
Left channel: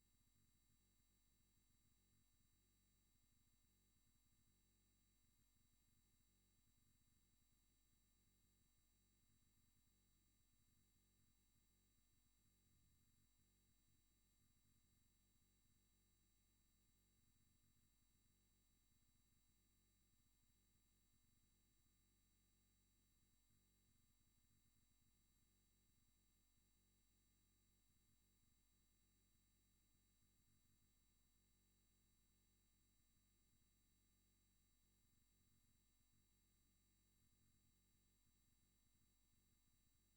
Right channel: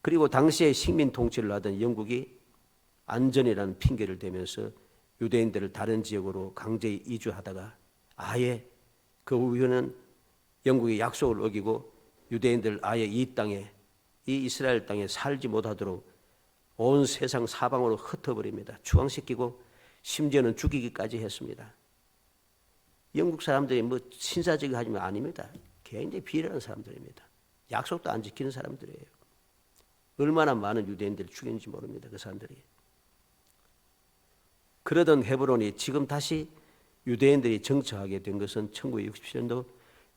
그리고 당시에 식민 통치를 하던 영국이 안전이라는 핑계를 대면서 유대인들을 다른 지역으로 강제 이주하다가 아예 그 후에는 영국의 약속을 어기고 유대인들 아예 이 땅에 이 이스라엘 땅에 살지 못하도록 온 세상 사방으로 흩어버립니다. 추방시키고 심지어는 죽이기까지 했습니다. 영국 사람들이 뭐 신사적이 하지만 아닙니다. 굉장히 비열한 사람들입니다. 약속도 안 지키는 사람들이에요. 얼마나 많은 유대인들을 죽였는지 모릅니다. 그 사람들이. 그러던 헤브론이 지금 다시 유대인들이 정착하게 된 것은 1967년도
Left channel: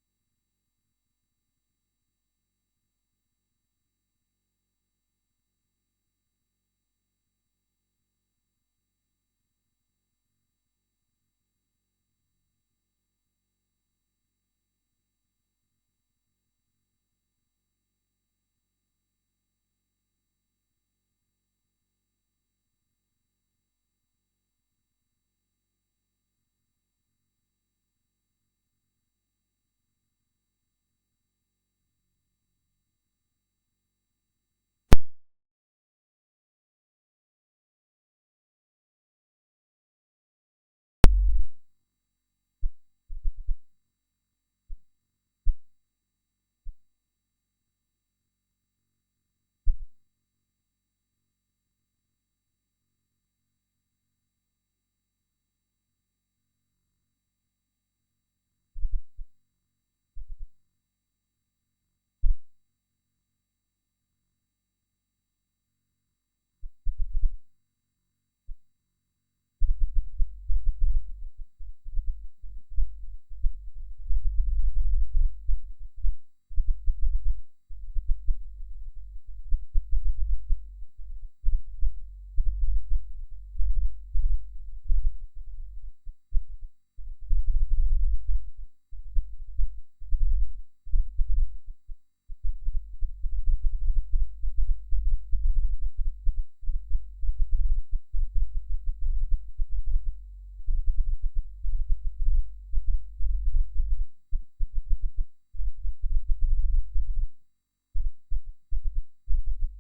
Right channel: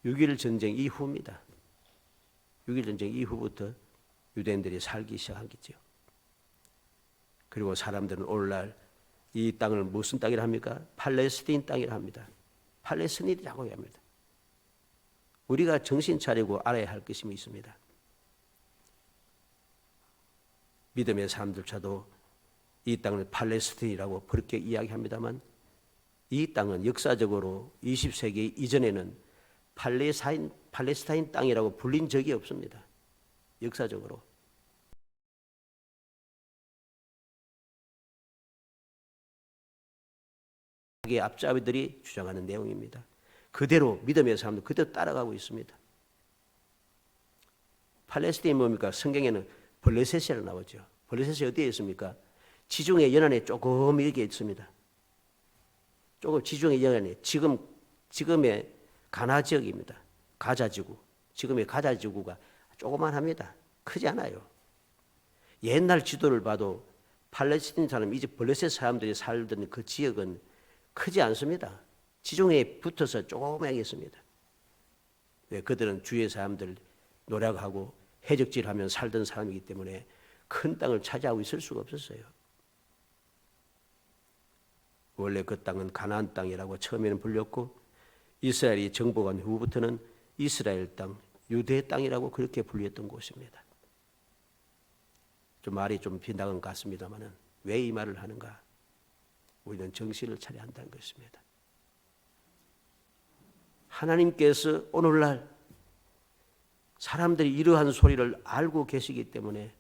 6.1 전쟁 이후입니다. 6.1 전쟁 이후부터 유대인들이 살기 시작하겠죠. 그리고 사람들은 오늘날 이 땅을 무슨 땅이라 합니까? 팔레스틴 땅이라 합니다. 팔레스틴이라고 합니다. 우리가 정신 차리고 알아야 할 것이 있습니다. 믿음의 사람들조차도 이 땅을 팔레스틴이라고 그렇게 이야기합니다만 이 땅은 역사적으로 20세기 이전에는 팔레스타인 땅이라고 불린 적이 없습니다. 역사적으로. 이게 앞잡이들이 주장하는 내용입니다. 그대로 믿음의 사람들 그대로 따라가고 있습니다. 팔레스타인이 뭡니까? 성경에는 블레셋이라고 나오죠. 블레셋이 어디에 있습니까? 지중해 연안에 조금 이렇게 있습니다. 조금 지중해 연안에 지금의 가나 지역입니다. 가자지구. 지금의 가자지구가 조그만합니다. 크지 않아요. 옛날 지도를 봐도 팔레스틴 사람, 이제 블레셋 사람들이 살던 그 지역은 크지 않습니다. 지중해에 붙어서 조그맣게 있습니다. 왜? 그들은 주위의 사람들 노력하고 해적질하면 살던 사람이기 때문에 큰 땅을 차지하고 있을 수가 없었어요. 원래 그 땅은 가나안 땅이라고 처음에는 불렸고 이스라엘이 정복한 후부터는 이스라엘 땅, 유대 땅이라고 그렇게 불렸던 곳입니다. 좀 말이 좀 빗나간 것 같습니다만 왜 이 말을 하는가? 우리는 정신을 차려야 한다는 것입니다. 하나님께서 오늘날 사람들이 이러한 소리를 알고 계시기 때문에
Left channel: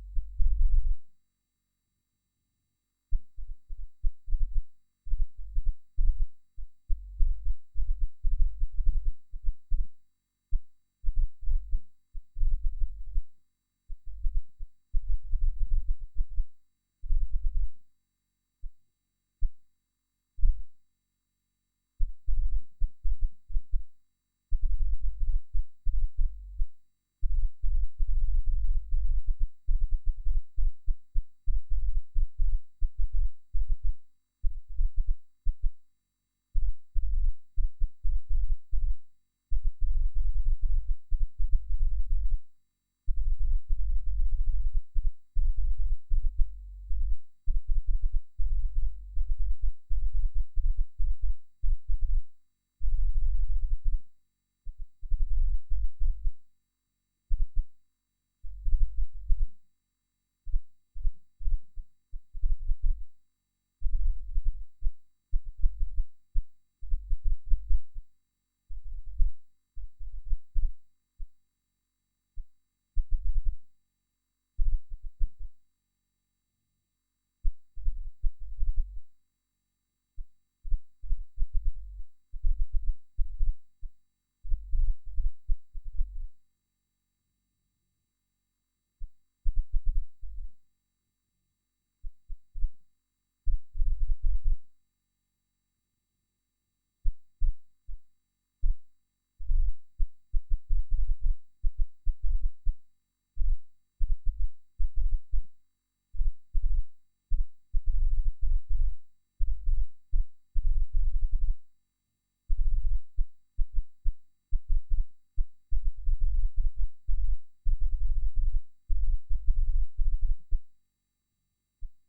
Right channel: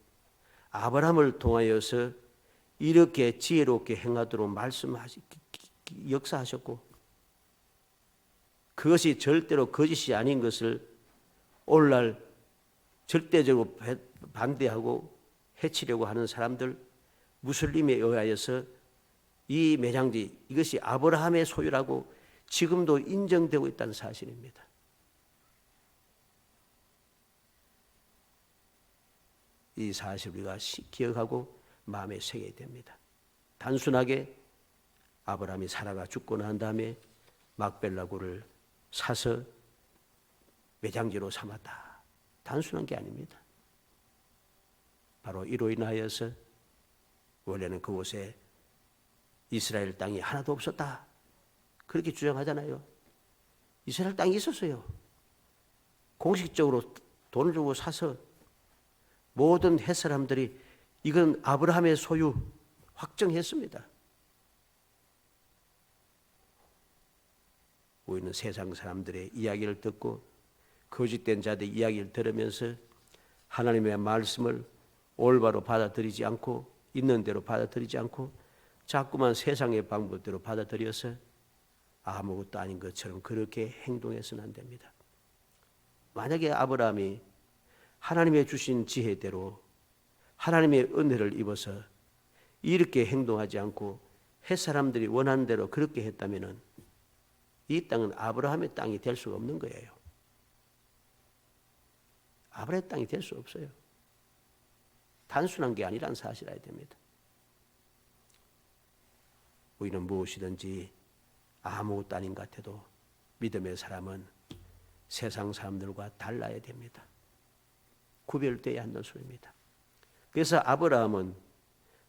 아브라함을 통하여서 이렇게 지혜롭게 행하도록 역사하셨고 그것이 절대로 거짓이 아닌 것을 오늘날 절대적으로 반대하고 해치려고 하는 사람들, 무슬림에 의하여서 이 매장지 이것이 아브라함의 소유라고 지금도 인정되고 있다는 사실입니다. 이 사실 우리가 기억하고 마음에 새겨야 됩니다. 단순하게 아브라함이 사라가 죽고 난 다음에 막벨라굴을 사서 매장지로 삼았다. 단순한 게 아닙니다. 바로 이로 인하여서 원래는 그곳에 이스라엘 땅이 하나도 없었다. 그렇게 주장하잖아요. 이스라엘 땅이 있었어요. 공식적으로 돈을 주고 사서 모든 헷 사람들이 이건 아브라함의 소유 확정했습니다. 우리는 세상 사람들의 이야기를 듣고 거짓된 자들의 이야기를 들으면서 하나님의 말씀을 올바로 받아들이지 않고 있는 대로 받아들이지 않고 자꾸만 세상의 방법대로 받아들여서 아무것도 아닌 것처럼 그렇게 행동해서는 안 됩니다. 만약에 아브라함이 하나님의 주신 지혜대로 하나님의 은혜를 입어서 이렇게 행동하지 않고 햇사람들이 원하는 대로 그렇게 했다면 이 땅은 아브라함의 땅이 될 수가 없는 거예요. 아브라함의 땅이 될 수 없어요. 단순한 게 아니라는 사실을 알아야 됩니다. 우리는 무엇이든지 아무것도 아닌 것 같아도 믿음의 사람은 세상 사람들과 달라야 됩니다. 구별되어야 한다는 소리입니다. 그래서 아브라함은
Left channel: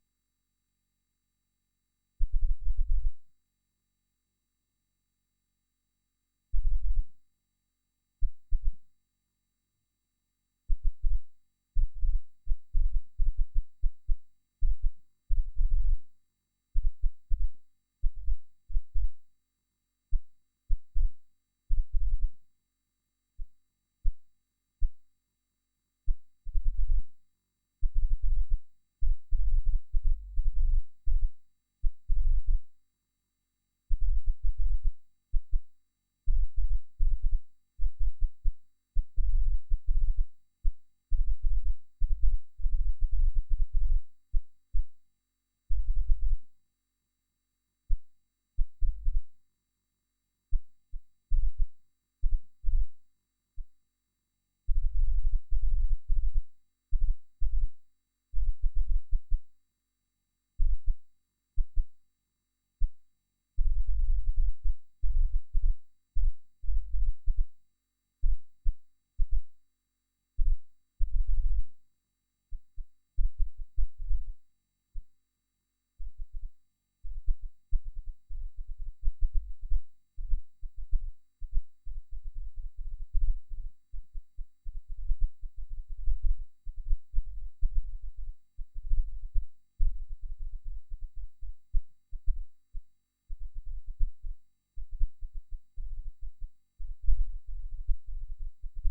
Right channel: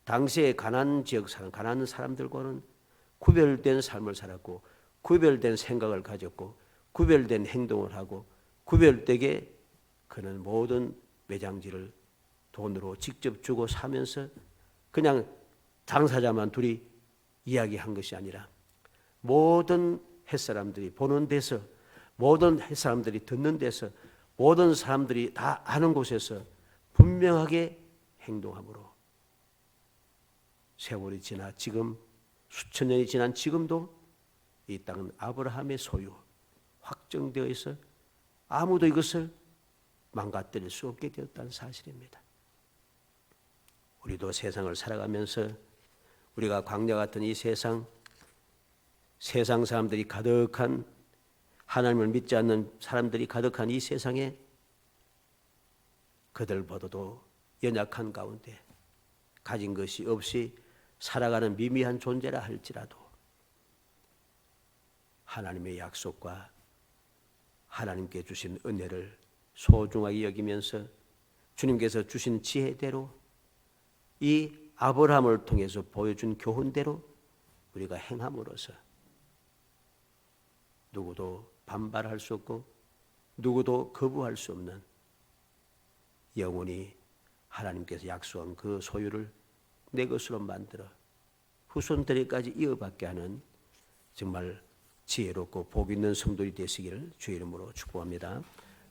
당시의 가나안 지역 사람, 가나안 사람들과는 구별된 삶을 살았고 구별된 생각을 가졌고 구별된 행동을 하고 구별되게 그는 모든 매장지를 돈으로 직접 주고 사면서 그냥 당사자만 둘이 이야기한 것이 아니라 모든 햇사람들이 보는 데서 모든 햇사람들이 듣는 데서 모든 사람들이 다 아는 곳에서 분명하게 행동함으로 세월이 지나 지금 수천 년이 지난 지금도 이 땅은 아브라함의 소유 확정되어 있어 아무도 이것을 망가뜨릴 수 없게 되었다는 사실입니다. 우리도 세상을 살아가면서 우리가 광야 같은 이 세상 사람들이 가득한 하나님을 믿지 않는 사람들이 가득한 이 세상에 그들보다도 연약한 가운데 가진 것이 없이 살아가는 미미한 존재라 할지라도 하나님의 약속과 하나님께 주신 은혜를 소중하게 여기면서 주님께서 주신 지혜대로 이 아브라함을 통해서 보여준 교훈대로 우리가 행함으로써 누구도 반발할 수 없고 누구도 거부할 수 없는 영원히 하나님께서 약속한 그 소유를 내 것으로 만들어 후손들에까지 이어받게 하는 정말 지혜롭고 복 있는 성도이 되시기를 주의 이름으로 축복합니다.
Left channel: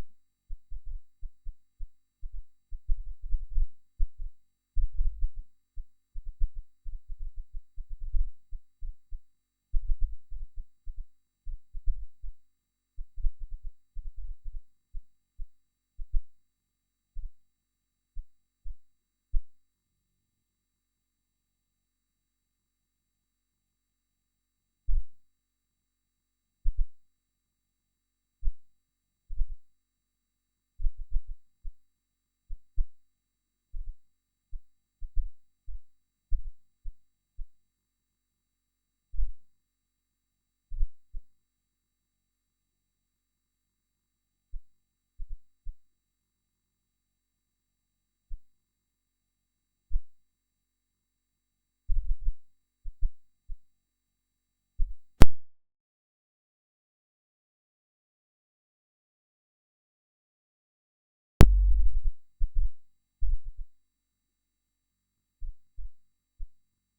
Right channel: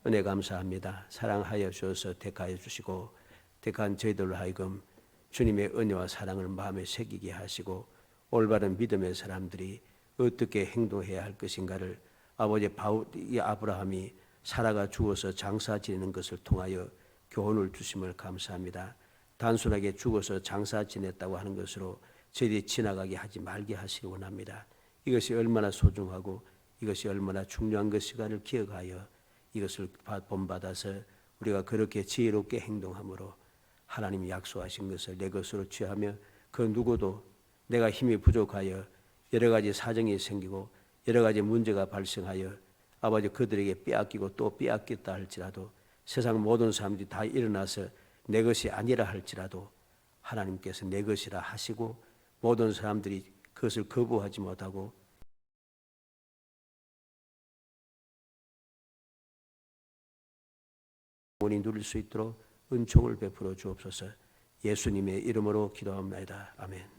은혜 감사합니다. 사랑하여 주셔서 택하여 주시고 택한 저희들로 하여금 주님의 은혜와 사랑을 마음에 새기게 하시고 올바른 믿음의 사람들이 어떻게 행동해야 할 것인가를 아버지 아브라함이 사라가 죽어서 장사 지내는 것을 통하여 교훈을 주심을 감사합니다. 단순하게 죽어서 장사 지냈다고 하는 것으로 저희들이 지나가게 하지 말게 하시기 원합니다. 이것이 얼마나 소중하고 이것이 얼마나 중요한 것인가를 기억하여 이것을 본받아서 우리가 그렇게 지혜롭게 행동함으로 하나님이 약속하신 것을 내 것으로 취하며 그 누구도 내가 힘이 부족하여 여러 가지 사정이 생기고 여러 가지 문제가 발생하여 아버지 그들에게 빼앗기고 또 빼앗겼다 할지라도 세상 모든 사람들이 다 일어나서 내 것이 아니라 할지라도 하나님께서 내 것이라 하시고 모든 사람들이 그것을 거부하지 못하고 본인이 누릴 수 있도록 은총을 베풀어 주옵소서. 예수님의 이름으로 기도합니다. 아멘.